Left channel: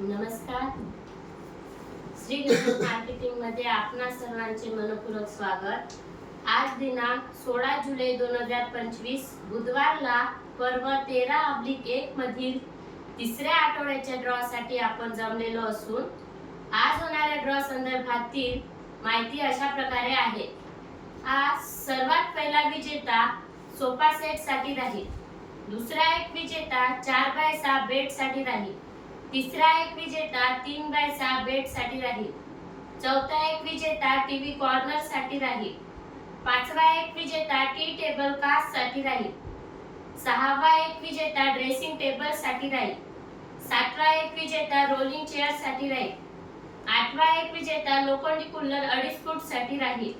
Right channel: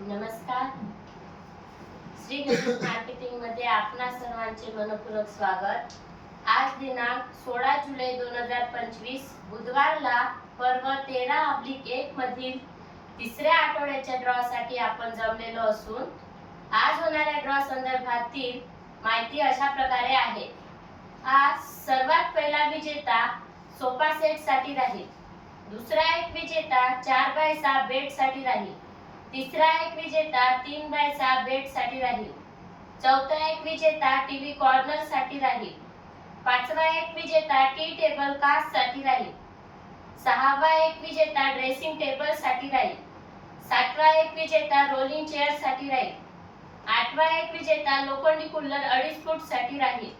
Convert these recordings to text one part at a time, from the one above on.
नमस्कार. श्री गणेश मार्केटिंगमध्ये आपणा सर्वांचे मनपूर्वक स्वागत. आज दिनांक सोळा जुलै दोन हजार पंचवीस बुधवारला पर्व तेरा अब्लिक एक मधील तिसऱ्या आठवड्याच्या ड्रॉ साठी आपण जमलेलो असून आज होणाऱ्या ड्रॉ संदर्भातील माहिती अशा प्रकारे आहे. आज सर्वात पहिला विजेता सोफा सेटसाठी राहील दुसरा एक विजेता चार बाय सहा बेटसाठी राहील. तिसरा एक विजेता तीन बाय सहा बेटसाठी राहील. चौथा एक विजेता टीव्ही कॉर्नरसाठी राहील. पाचवा एक विजेता टी टेबल कास्टसाठी राहील. सहावा एक विजेता ड्रेसिंग टेबलसाठी राहील. सातवा एक विजेता रोलिंग चेअरसाठी राहील. आठवा एक विजेता लोखंडी कुल्लर अडीच फूटसाठी राहील.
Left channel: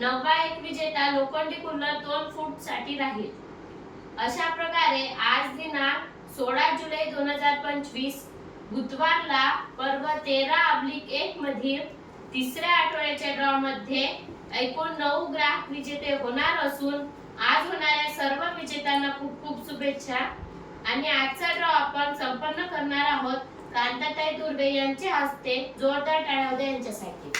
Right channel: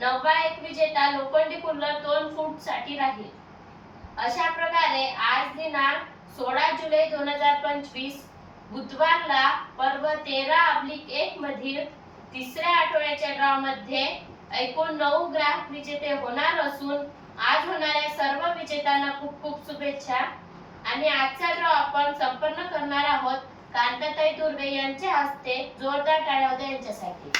नववा एक विजेता लोखंडी कुल्लर दोन फूटसाठी राहील. अशा प्रकारे आज दिनांक सोळा जुलै दोन हजार पंचवीस बुधवारला पर्व तेरा अब्लिक एक मधील तिसऱ्या आठवड्याच्या ड्रॉ मध्ये एकूण नऊ ग्राहक विजेते होणार असून आज होणाऱ्या सर्व विजेत्यांना खूप खूप शुभेच्छा. आणि आजचा ड्रॉ आपण संपन्न करणार आहोत कांताताई दुर्वे यांच्या हस्ते जोरदार टाळ्या होत्या यांच्यासाठी.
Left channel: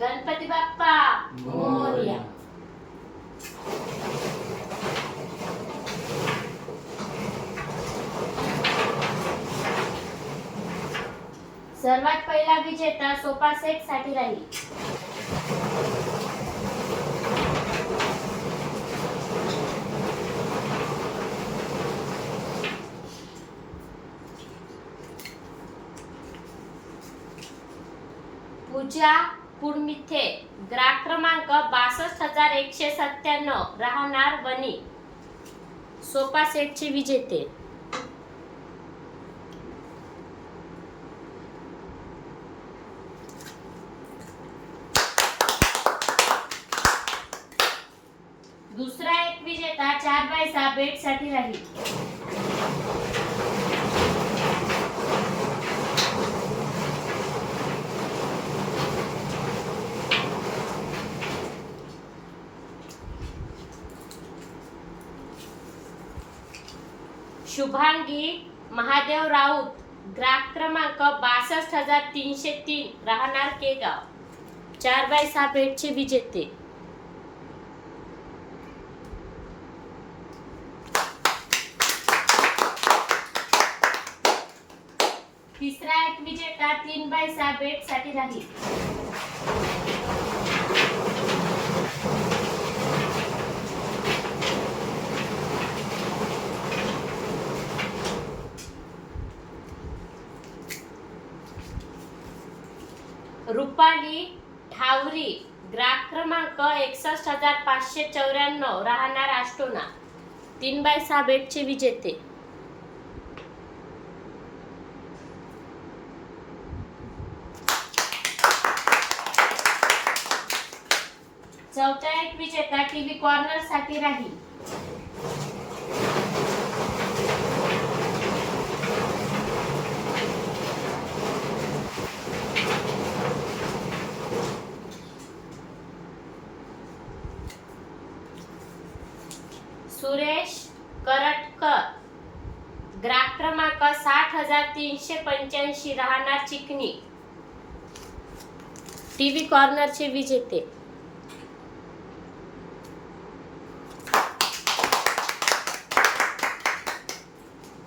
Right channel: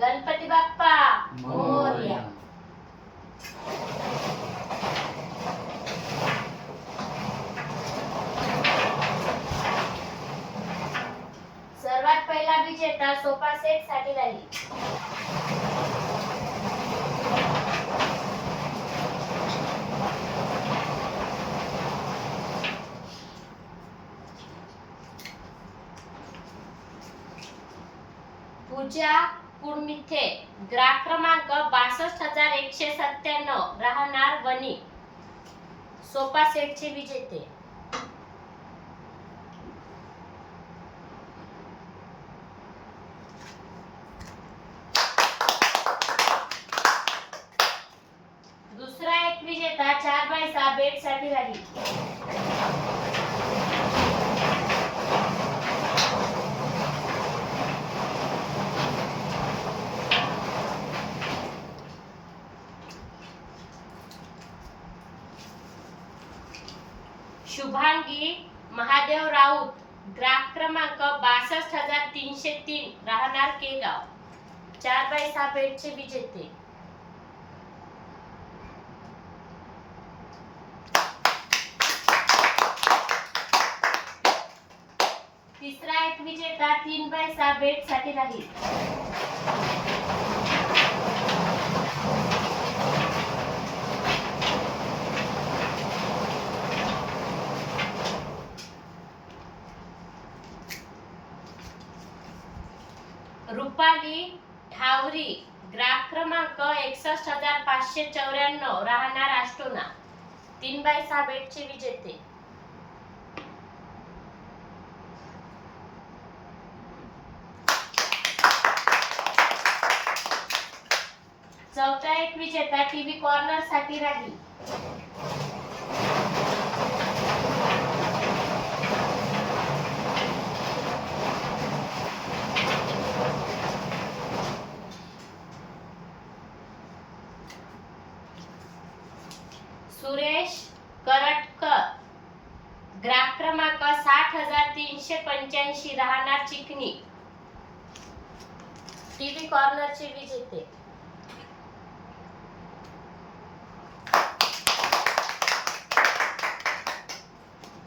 गणपती बाप्पा. मोरया सर्वात पहिला विजेता सोफा सेटसाठी राहील. पूजा कुडमिथे ग्राहक क्रमांक बासष्ट हजार एकशे सत्त्याण्णव. राहणार वनी सोफा सेटचे विजेते. दुसरा एक विजेता चार बाय सहा साठी राहील. शुभांगी महादेव राऊत ग्राहक क्रमांक बासष्ट हजार तीनशे तीन राहणार केगाव. चार बाय सहा बेडचे विजेते. तिसरा एक विजेता तीन बाय सहा बेडसाठी राहील. रुपाली ठावरी ग्राहक क्रमांक एकसष्ट हजार पाचशे चौऱ्याण्णव राहणार आष्टोना तीन बाय सहा बेडचे विजेते. चौथा एक विजेता टीव्ही कॉर्नरसाठी राहील सुरेश करटकर ग्राहक क्रमांक साठ हजार तीनशे पंच्याऐंशी राहणार चिकनी. टीव्ही कॉर्नरचे विजेते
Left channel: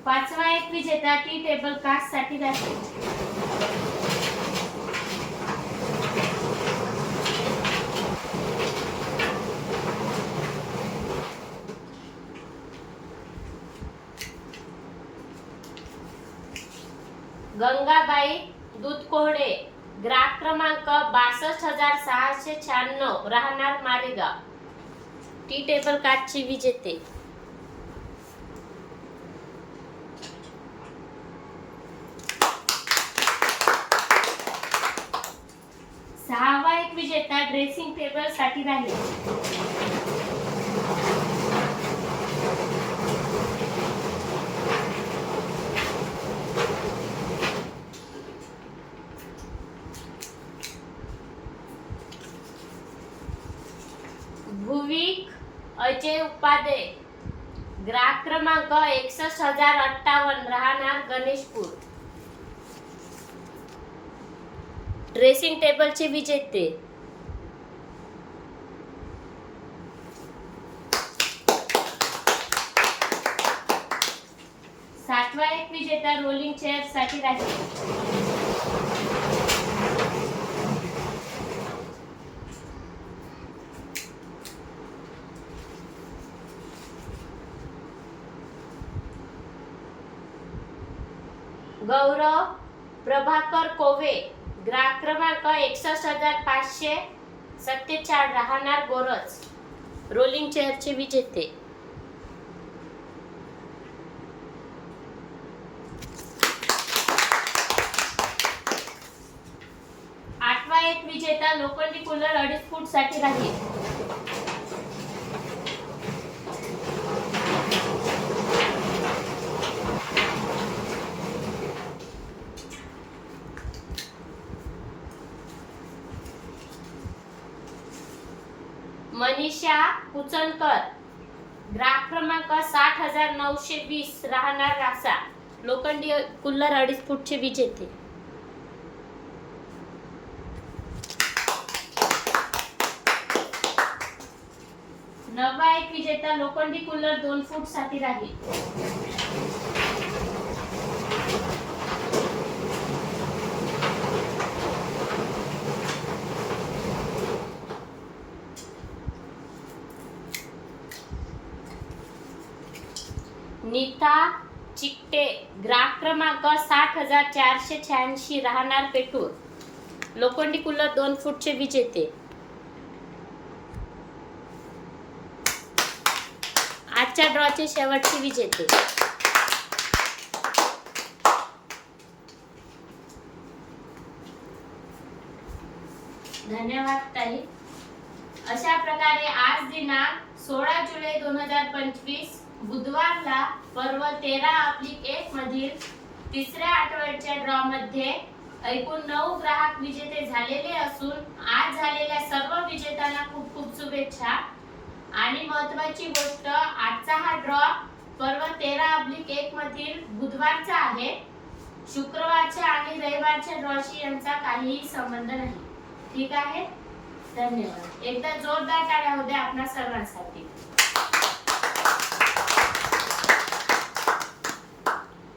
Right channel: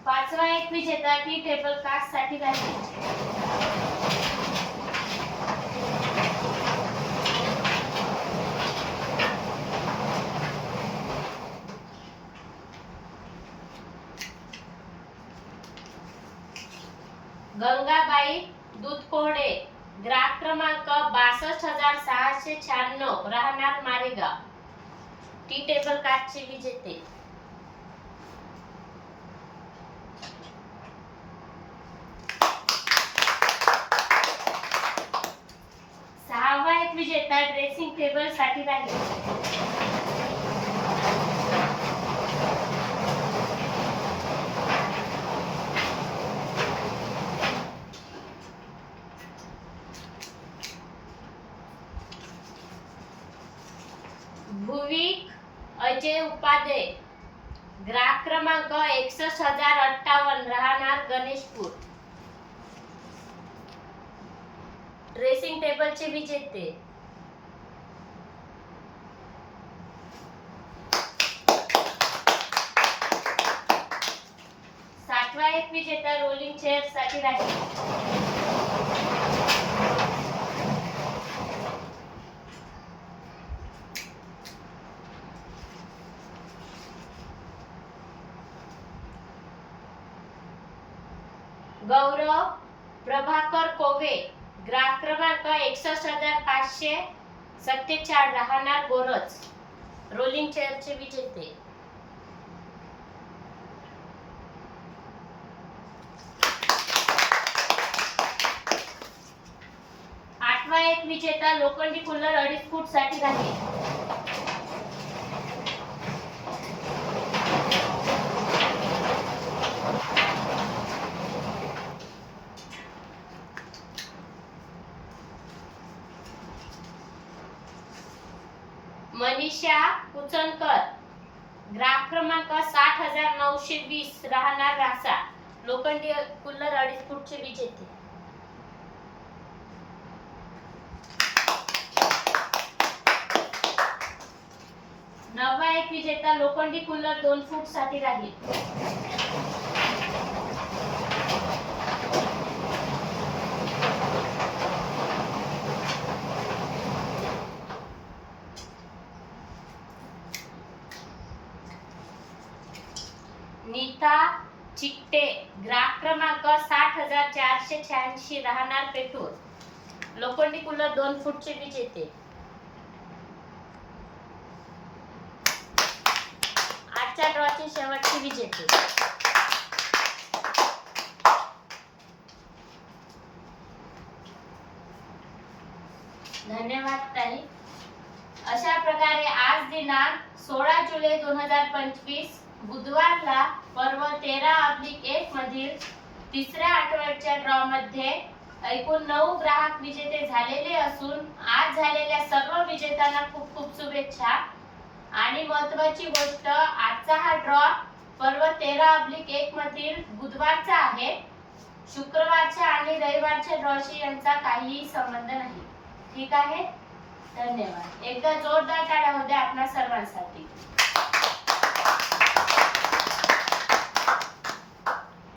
पाचवा एक विजेता टी टेबल कास्टसाठी राहील. गंगाबाई दूध कोहडे ग्राहक क्रमांक बासष्ट हजार सहाशे शहाण्णव राहणार मारेगाव. टी टेबल काचचे विजेते. सहावा एक विजेता ड्रेसिंग टेबलसाठी राहील. भुविक अजय उपाध्ये ग्राहक क्रमांक एकसष्ट हजार अठ्ठावन्न राहणार गणेशपूर ड्रेसिंग टेबलचे विजेते सातवा एक विजेता रोलिंग चेअरसाठी राहील गौरव प्रभाकर कोवे ग्राहक क्रमांक एकसष्ट हजार पाचशे सत्तेचाळ राहणार गोरज. रोलिंग चेअरचे विजेते. आठवा एक विजेता लोखंडी कूलर अडीच फूटसाठी राहील. मनीषा कुचनकर ग्राहक क्रमांक साठ हजार नऊशे वीस राहणार रासा. लोखंडी कुल्लर अडीच फूटचे विजेते. नवा एक विजेता लोखंडी कुल्लर दोन फूटसाठी राहील. नीता चिकटे ग्राहक क्रमांक साठ हजार चारशे शहाऐंशी राहणार पेटूर लोखंडी कुलर दोन फूटचे विजेते आजच्या ड्रॉचे शेवटचे विजेते धन्यवाद ताई. अशा प्रकारे आज दिनांक सोळा जुलै दोन हजार पंचवीस बुधवारला पर्व तेरा अब्लिक एक मधील तिसऱ्या आठवड्याच्या ड्रॉ मध्ये एकूण नऊ ग्राहक विजेते झालेले असून आज झालेल्या सर्व विजेत्यांना खूप खूप शुभेच्छा. आणि महत्वाची गोष्ट आजचा हा ड्रॉ पर्व तेरा अब्लिक एक मधील बुधवारचा आहे. शुक्रवारच्या आणि रविवारच्या ड्रॉशी यांचा काहीही संबंध नाही. ठीक आहे? धन्यवाद. एकदा जोरदार टाळ्या होत्या आपणा सर्वांसाठी.